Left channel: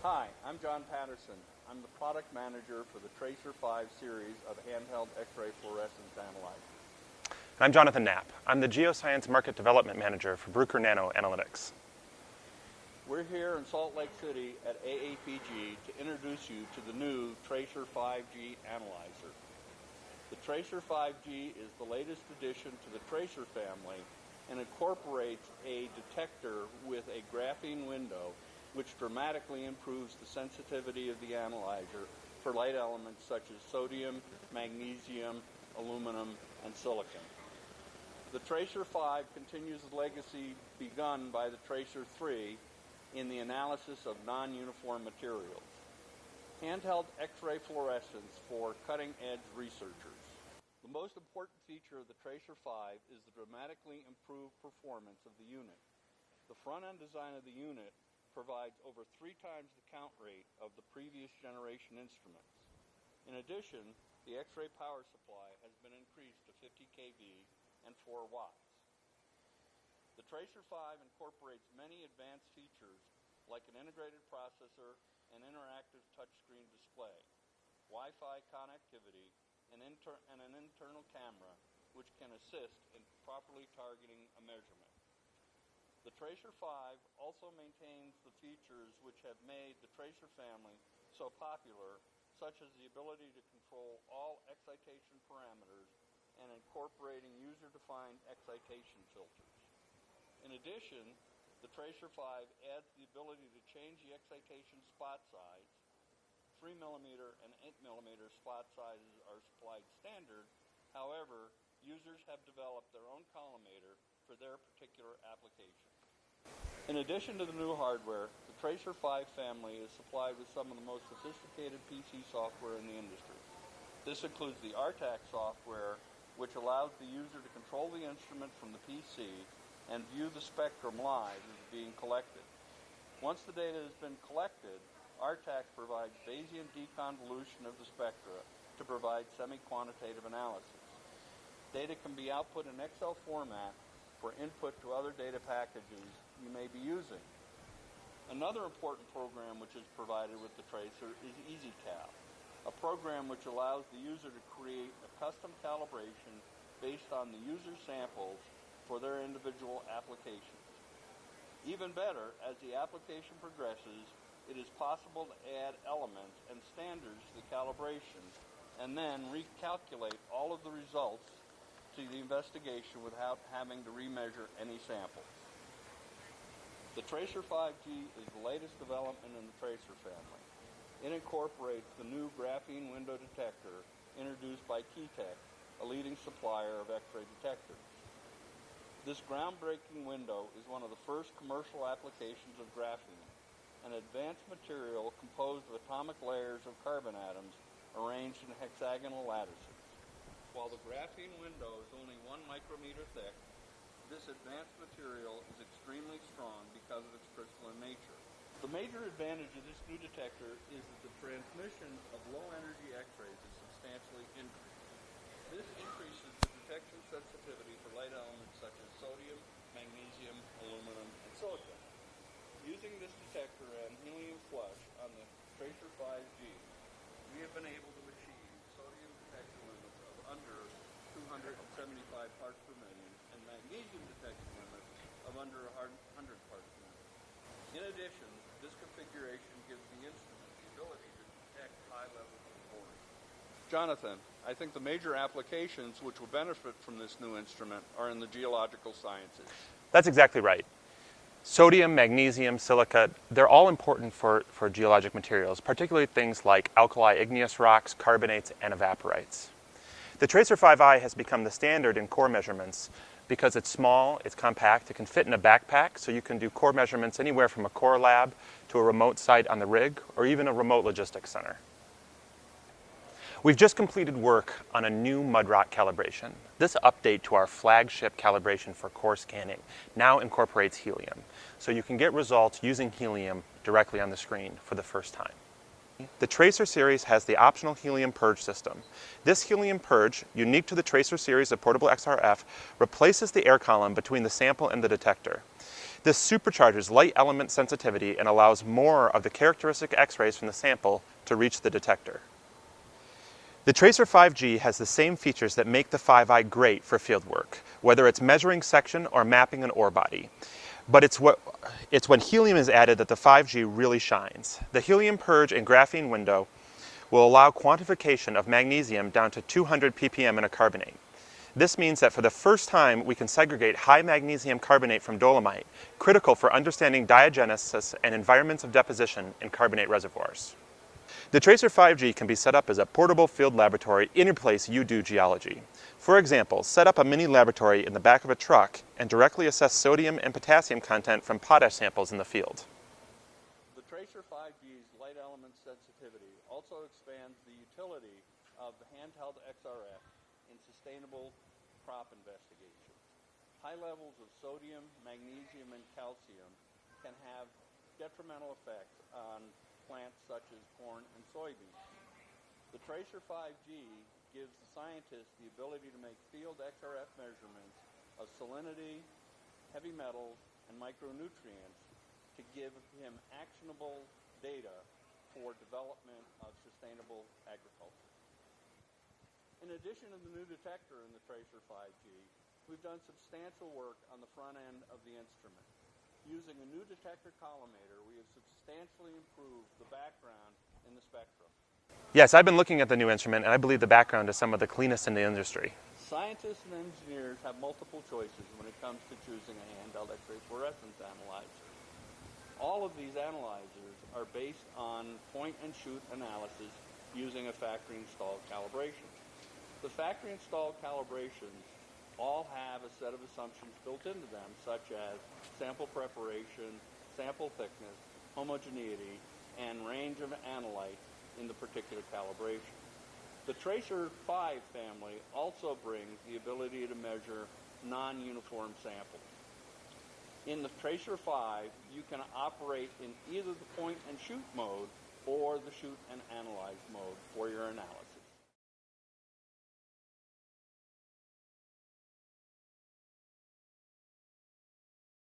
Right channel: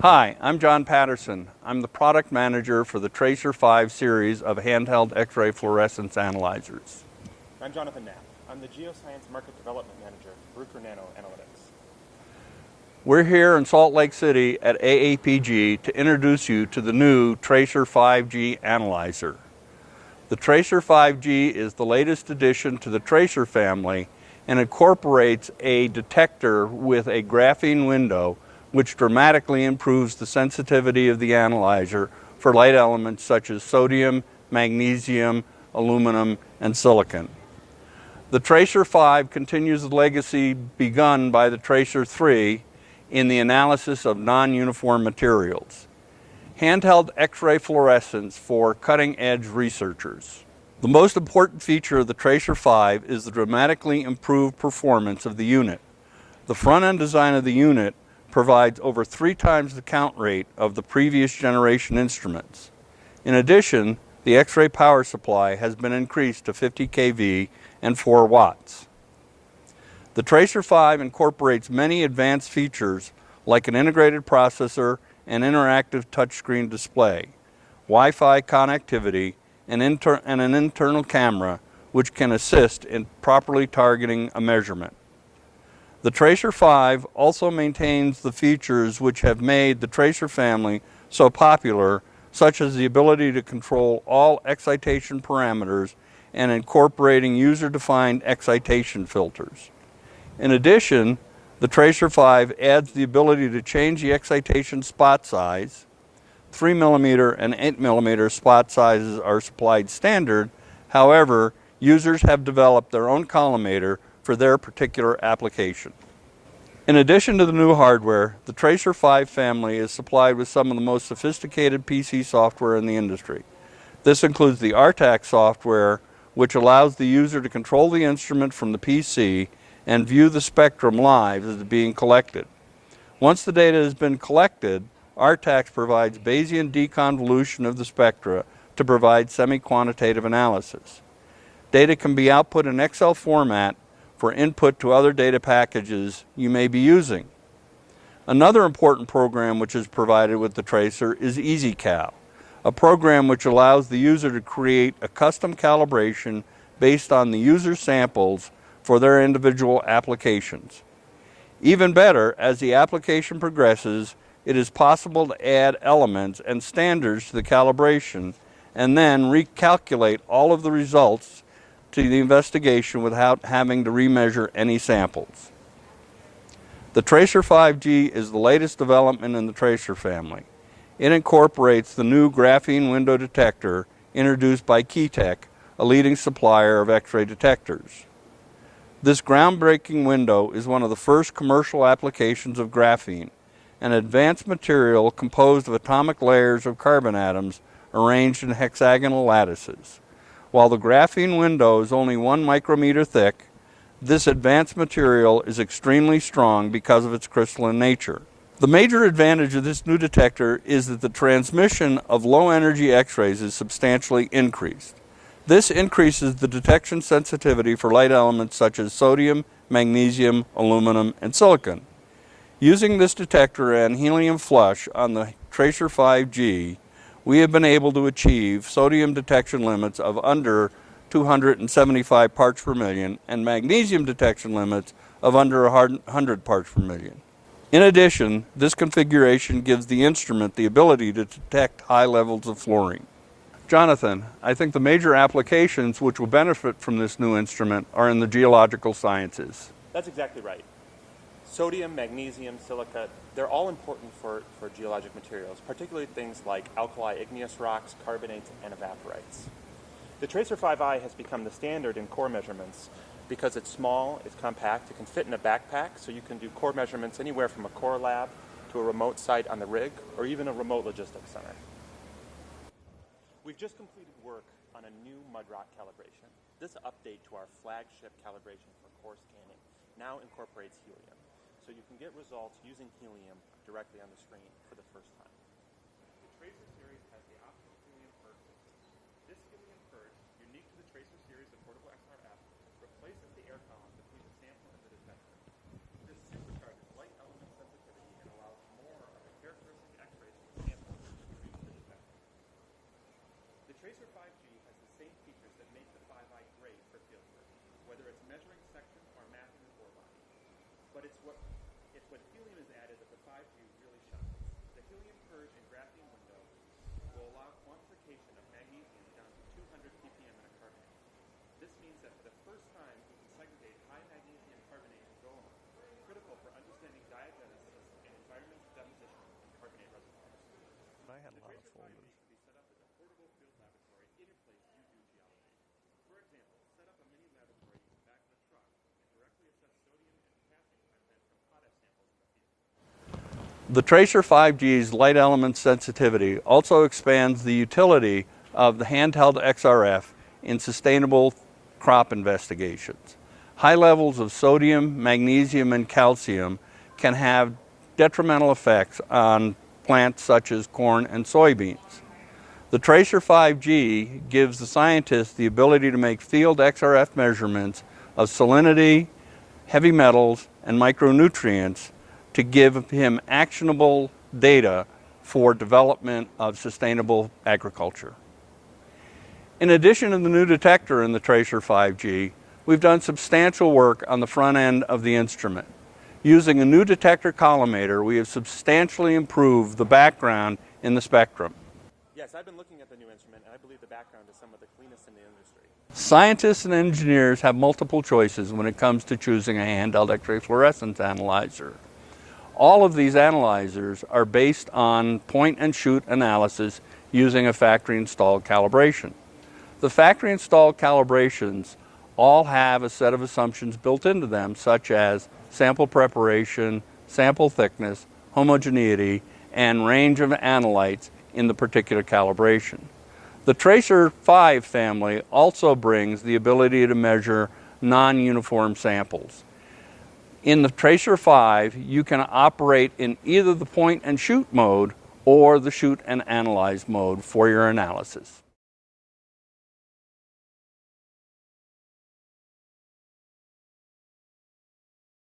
Hi, I'm John Patterson. I'm the product manager for the TRACER 5 series of handheld X-ray fluorescence analyzers. I'm Jonathan Knapp. I'm the Geoscience Market Development Manager for Bruker Nano Analytics. We're here in Salt Lake City at AAPG to introduce you to the new TRACER 5G analyzer. The TRACER 5G is the latest addition to the TRACER family and incorporates a detector with a graphene window which dramatically improves the sensitivity of the analyzer for light elements such as sodium, magnesium, aluminum, and silicon. The TRACER 5 continues the legacy begun by the TRACER 3 in the analysis of non-uniform materials. Handheld X-ray fluorescence for cutting-edge researchers. The most important feature of the TRACER 5 is the dramatically improved performance of the unit. The front-end design of the unit provides over 3 times the count rate of the previous generation instruments. In addition, the X-ray power supply has been increased to 50 kV and 4 watts. The TRACER 5 incorporates many advanced features like an integrated processor, an interactive touchscreen display, Wi-Fi connectivity, and an internal camera which can assist in properly targeting a measurement. The TRACER 5 also maintains the features which have made the TRACER family so popular, such as the ability to control all excitation parameters and incorporating user-defined excitation filters. In addition, the TRACER 5 adds the ability to change the excitation spot size. 3mm and 8mm spot sizes are supplied standard. However, users have developed their own collimator for their particular application. In addition to the new hardware, the TRACER 5 family is supplied with some of the most sophisticated PC software in the industry. This includes the RTAC software, which allows the user to control the instrument from the PC and view the spectrum live as it's being collected. Once the data has been collected, RTAC provides Bayesian deconvolution of the spectra to provide semi-quantitative analysis. Data can be output in Excel format for input to other data packages you may be using. Another important program which is provided with the TRACER is EasyCal, a program which allows the user to create a custom calibration based on the user samples for their individual applications. Even better, as the application progresses, it is possible to add elements and standards to the calibration and then recalculate all of the results to the investigation without having to remeasure any samples. The TRACER 5G is the latest development in the TRACER family. It incorporates the new graphene window detector introduced by Keytech, a leading supplier of X-ray detectors. This groundbreaking window is one of the first commercial applications of graphene, an advanced material composed of atomic layers of carbon atoms arranged in hexagonal lattices. While the graphene window is only 1 micrometer thick, this advanced material is extremely strong because of its crystalline nature. The major advantage of this new detector is that the transmission of low-energy X-rays is substantially increased. This increases the detection sensitivity for light elements such as sodium, magnesium, aluminum, and silicon. Using this detector and helium flush on the TRACER 5G, we have been able to achieve sodium detection limits of under 275 parts per million and magnesium detection limits of under 100 parts per million. In addition, this configuration gives the instrument the ability to detect high levels of fluorine. Jonathan, I think the major applications which will benefit from this new instrument are in the geological sciences. That's exactly right. Sodium, magnesium, silica, they're all important for geologic materials, particularly things like alkali igneous rocks, carbonates, and evaporites. The TRACER 5i has become the standard in core measurements because it's small, it's compact, it can fit in a backpack, so you can do core measurements anywhere from a core lab to a remote site on the rig, or even a remote logistics center. We've just completed work on a new mud rock calibration. This update to our flagship calibration for core scanning now incorporates helium, so you can get results using helium directly on the screen for the first time. The TRACER series has the optional Helium Purge system. This Helium Purge, unique to the TRACER series of portable XRF, replaces the air column between the sample and the detector. This supercharges light element sensitivity and allows more of the characteristic X-rays from the sample to reach the detector. The TRACER 5G has the same features that make the 5i great for fieldwork, whether it's measuring section or mapping an ore body. But it's when helium is added that the 5G really shines. The helium purge and graphene window will allow quantification of magnesium down to 200 ppm in a carbonate. This means that for the first time we can segregate high magnesium carbonate from dolomite, critical for understanding diagenesis and environments of deposition in carbonate reservoirs. The TRACER 5G can be set up as a portable field laboratory any place you do geology. For example, set up a mini laboratory in the back of a truck and directly assess sodium and potassium content from potash samples in the field. The TRACER 5G's light element sensitivity also expands the utility of the handheld XRF in sustainable crop investigations. High levels of sodium, magnesium, and calcium can have detrimental effects on plants such as corn and soybeans. The TRACER 5G gives the scientists the ability to make field XRF measurements of salinity, heavy metals, and micronutrients to give him actionable data for development of sustainable agriculture. In addition to the new detector in the TRACER 5G, we've done substantial work on the front end of the instrument. Using a new detector collimator, we have substantially improved the background in the spectrum. Yes, I've been looking at the new instrument and I believe the background is some of the cleanest in the industry. Scientists and engineers have multiple choices when it comes to choosing a handheld X-ray fluorescence analyzer. All of these analyzers are based on point-and-shoot analysis using a factory-installed calibration. The factory-installed calibrations all have a set of assumptions built into them, such as sample preparation, sample thickness, homogeneity, and range of analytes in the particular calibration. The TRACER 5 family also brings the ability to measure non-uniform samples. In the TRACER 5, you can operate in either the point and shoot mode or the shoot and analyze mode for your analysis.